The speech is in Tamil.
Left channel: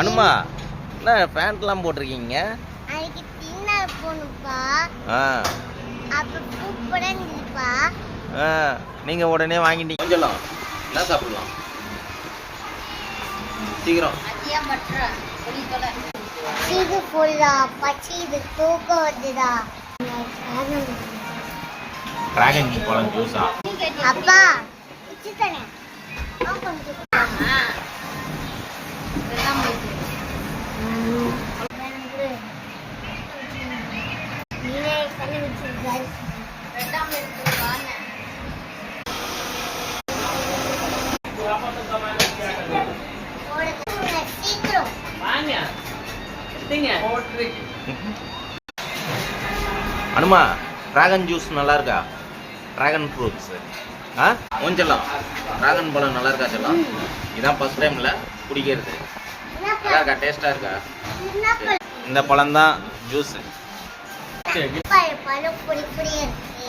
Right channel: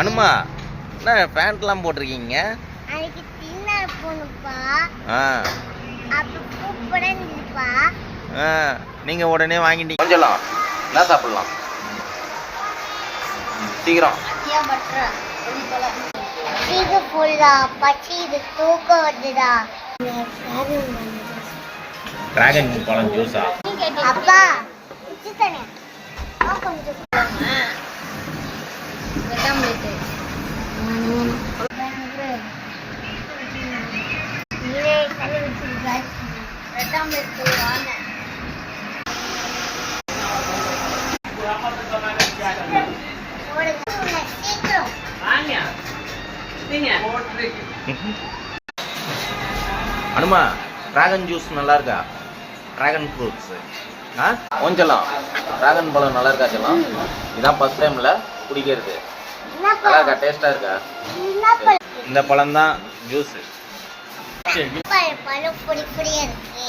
அனுமா என்ன பேண்ட்லாம் போட்டிருக்கீங்க? நீங்க உடனே வாங்கிட்டீங்க. கொஞ்சம் என்ன சாப்பிடலாம் சீக்கிரம்? டிராகன் பழம் ஜூஸா? அனுமா டிராகன் ஜூஸ் நல்லா இருக்கா? டிராகன் ஃப்ரூட்ஸ் கொஞ்சலாம் டிராகன் பழம் நல்லா இருக்கா? சொல்லலாம். இதான் ஃபர்ஸ்ட் டைம்ல குடிக்கிறது. நல்லா இருக்கா? டேஸ்டா இருக்கா? இந்த பழம் தான் ஜூஸ். பழம் பொடி பொடியா இருக்கு.